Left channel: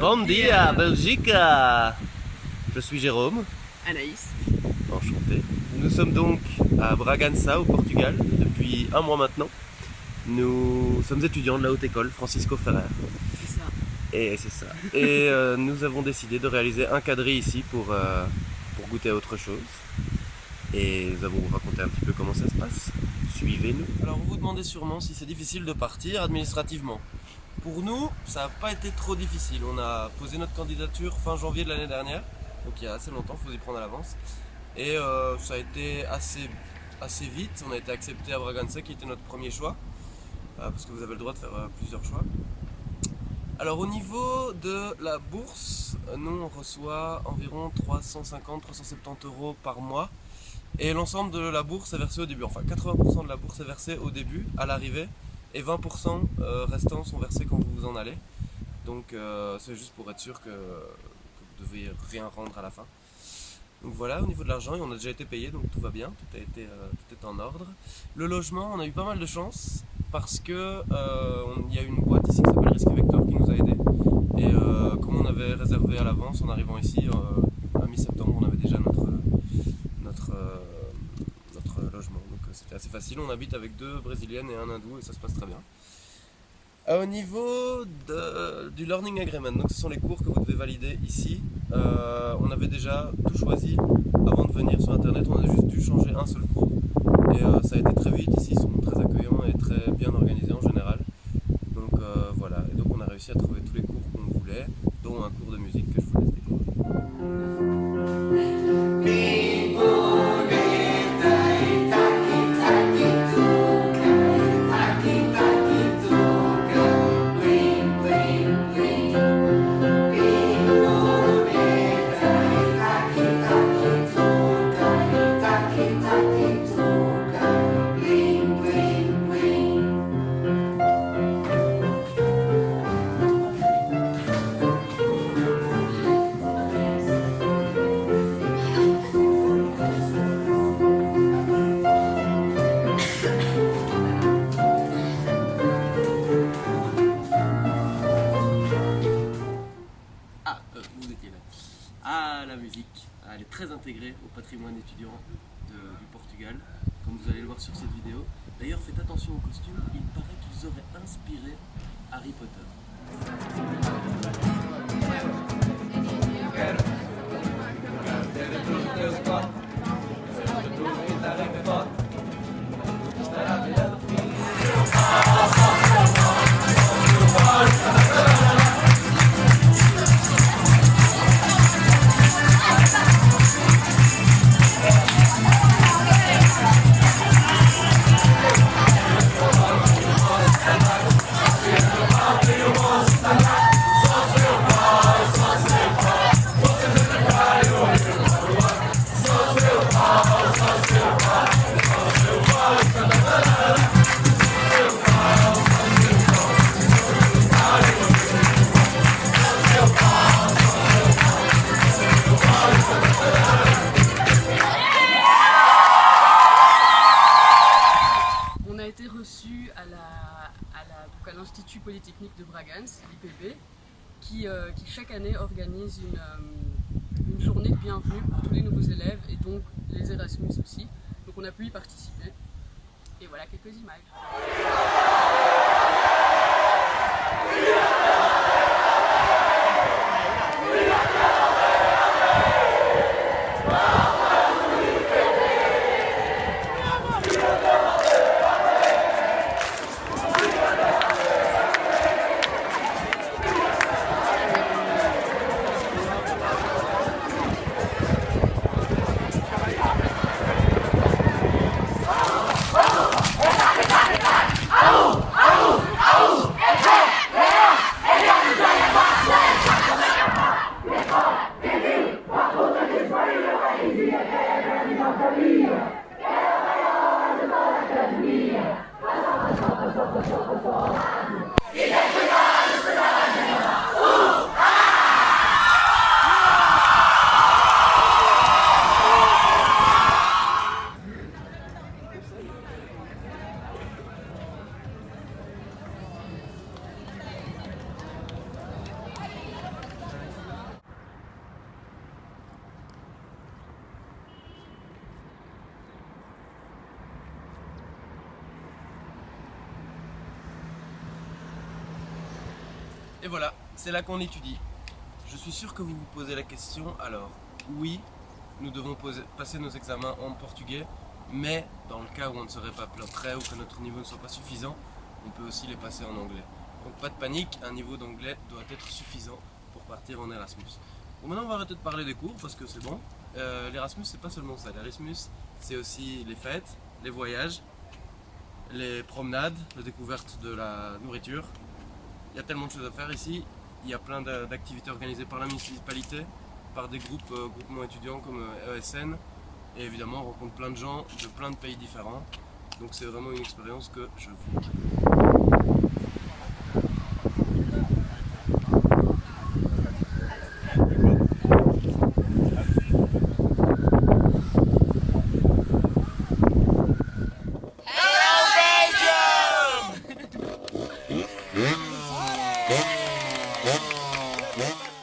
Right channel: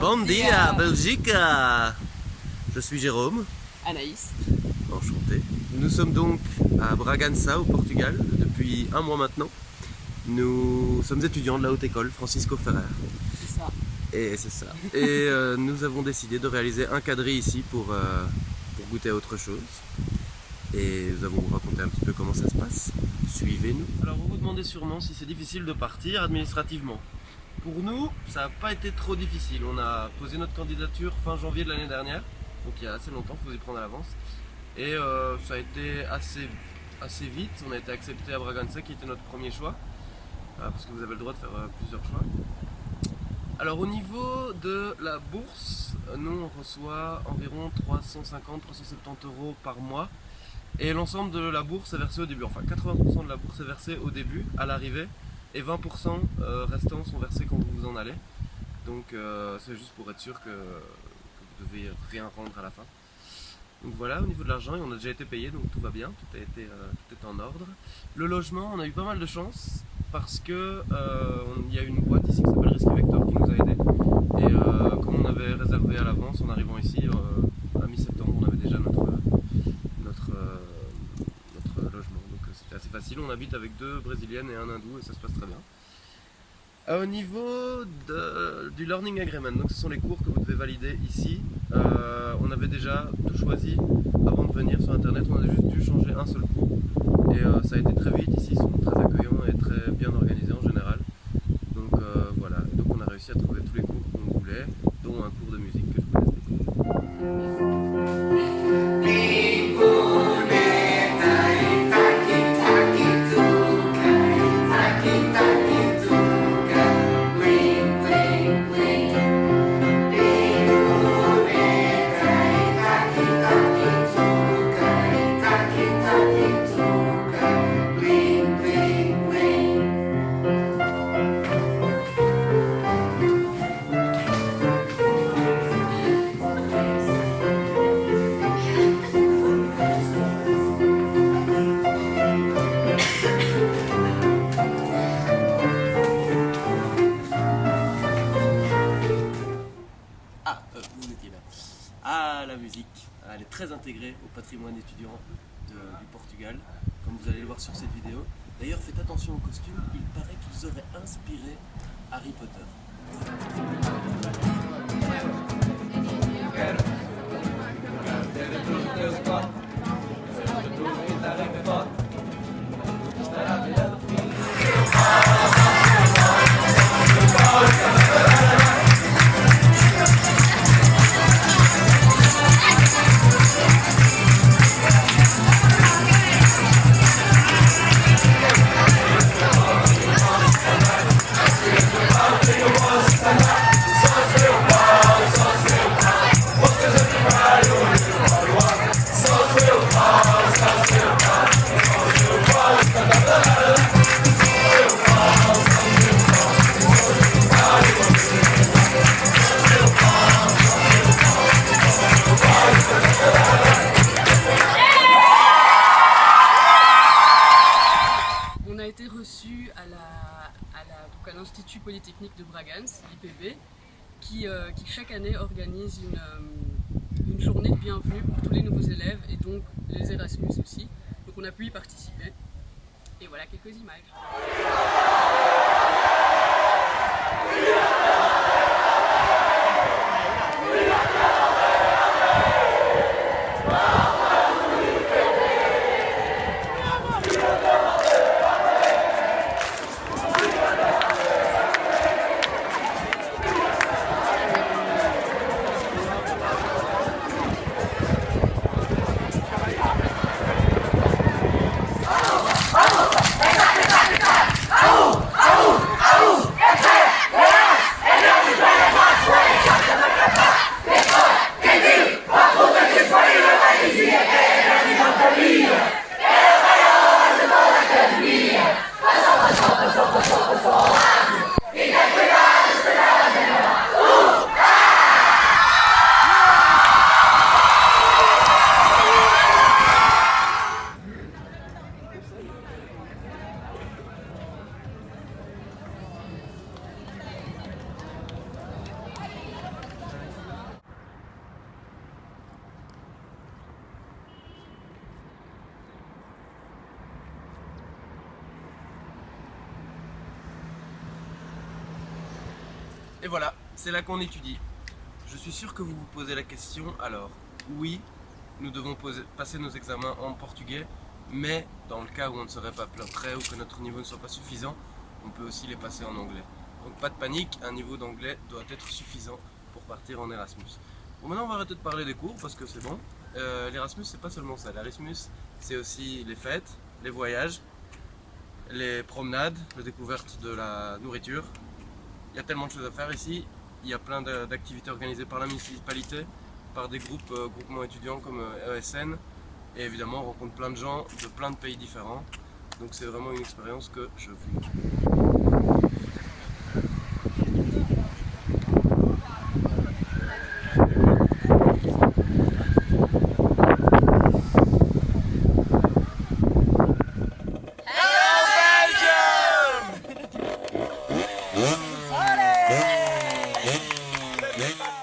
Bon dia, Belgica. Je suis Jérôme. Anaïs. Enchanté. Nous sommes donc à Bragança, au Portugal, depuis un mois maintenant. Nous sommes étudiants de la haute école Francisco Ferrer. C'est ça. Et c'est ça. Et nous avons décidé de réaliser un quadrille ici pour goûter à autre chose. Et nous allons vous raconter un petit peu comment ça se passe. Suivez-nous. Alors vous vous demandez sûrement si c'est difficile de partir administrativement. Pour nous, ça n'a pas été trop difficile. On a posé notre candidature fin janvier de l'année dernière, donc il y a assez longtemps, il faut y prendre à l'avance. Et ça a été assez vite. On a été accepté à Bragança, qui était notre premier choix, parce que vous avez le droit de faire plusieurs choix. Alors au niveau de la bourse, nous on reçoit environ 350-370 € par mois. Et l'ensemble de la bourse est versé au début, enfin 80% de la bourse est versée au début, à l'arrivée, et 20% restants sont versés quand vous vous en allez. Donc c'est juste pour être sûr que vous devez rien rendre à la fin. Donc voilà, au niveau de l'argent, on a déjà été payé, donc tout va bien, tout est en ordre. Le logement, on a eu pas mal de chance, parce que il y a une boîte ici qui s'appelle Risque Vector qui nous a aidés. Et comme on avait réservé à l'avance en arrivant ici, à mi-septembre, on avait déjà notre logement, donc c'était assez facile. On habite avec 2 brésiliennes et un hindou et ça se passe très bien. Au niveau du learning agreement, donc ce sont les cours que vous devez valider ici. On avait déjà tout choisi avant de venir sur internet, on a juste dû changer un seul cours et ça a été très vite. Ici ils sont très accueillants et très bien organisés en général, donc voilà. Et donc on a réussi à trouver tous les cours qu'on voulait, dont un cours de musique que je vous laisse découvrir. Vous étiez là. Ah, la musique, elle est très intégrée au patrimoine étudiant du Portugal, comme vous allez le voir sur cette vidéo. D'ailleurs, faites attention aux costumes, il paraît qu'ils auraient inspiré Harry Potter. On a été reçu à l'Institut Polytechnique de Bragança, l'IPB, qui chaque année organise une journée de bienvenue pour tous les nouveaux élèves et donc les Erasmus aussi. Donc on a pu y participer. Et voilà quelques images. Et voilà, c'est là qu'on étudie. Je suis sûr que vous vous posez la question, alors oui, nous devons passer nos examens en portugais, mais dans le cas où on ne serait pas prêt ou que notre niveau ne soit pas suffisant, on peut aussi les passer en anglais. Donc pas de panique, un niveau d'anglais doit être suffisant pour partir en Erasmus. Bon, maintenant on va arrêter de parler des cours parce que c'est bon. L'Erasmus c'est pas seulement ça, l'Erasmus c'est aussi les fêtes, les voyages, les promenades, la découverte de la nourriture. Il y a tellement de choses à faire ici. Il y a plein d'activités organisées par la municipalité, par des groupements étudiants comme ESN. Et évidemment, on rencontre plein de gens de plein de pays différents. Donc c'est vraiment une expérience que je vous... Allez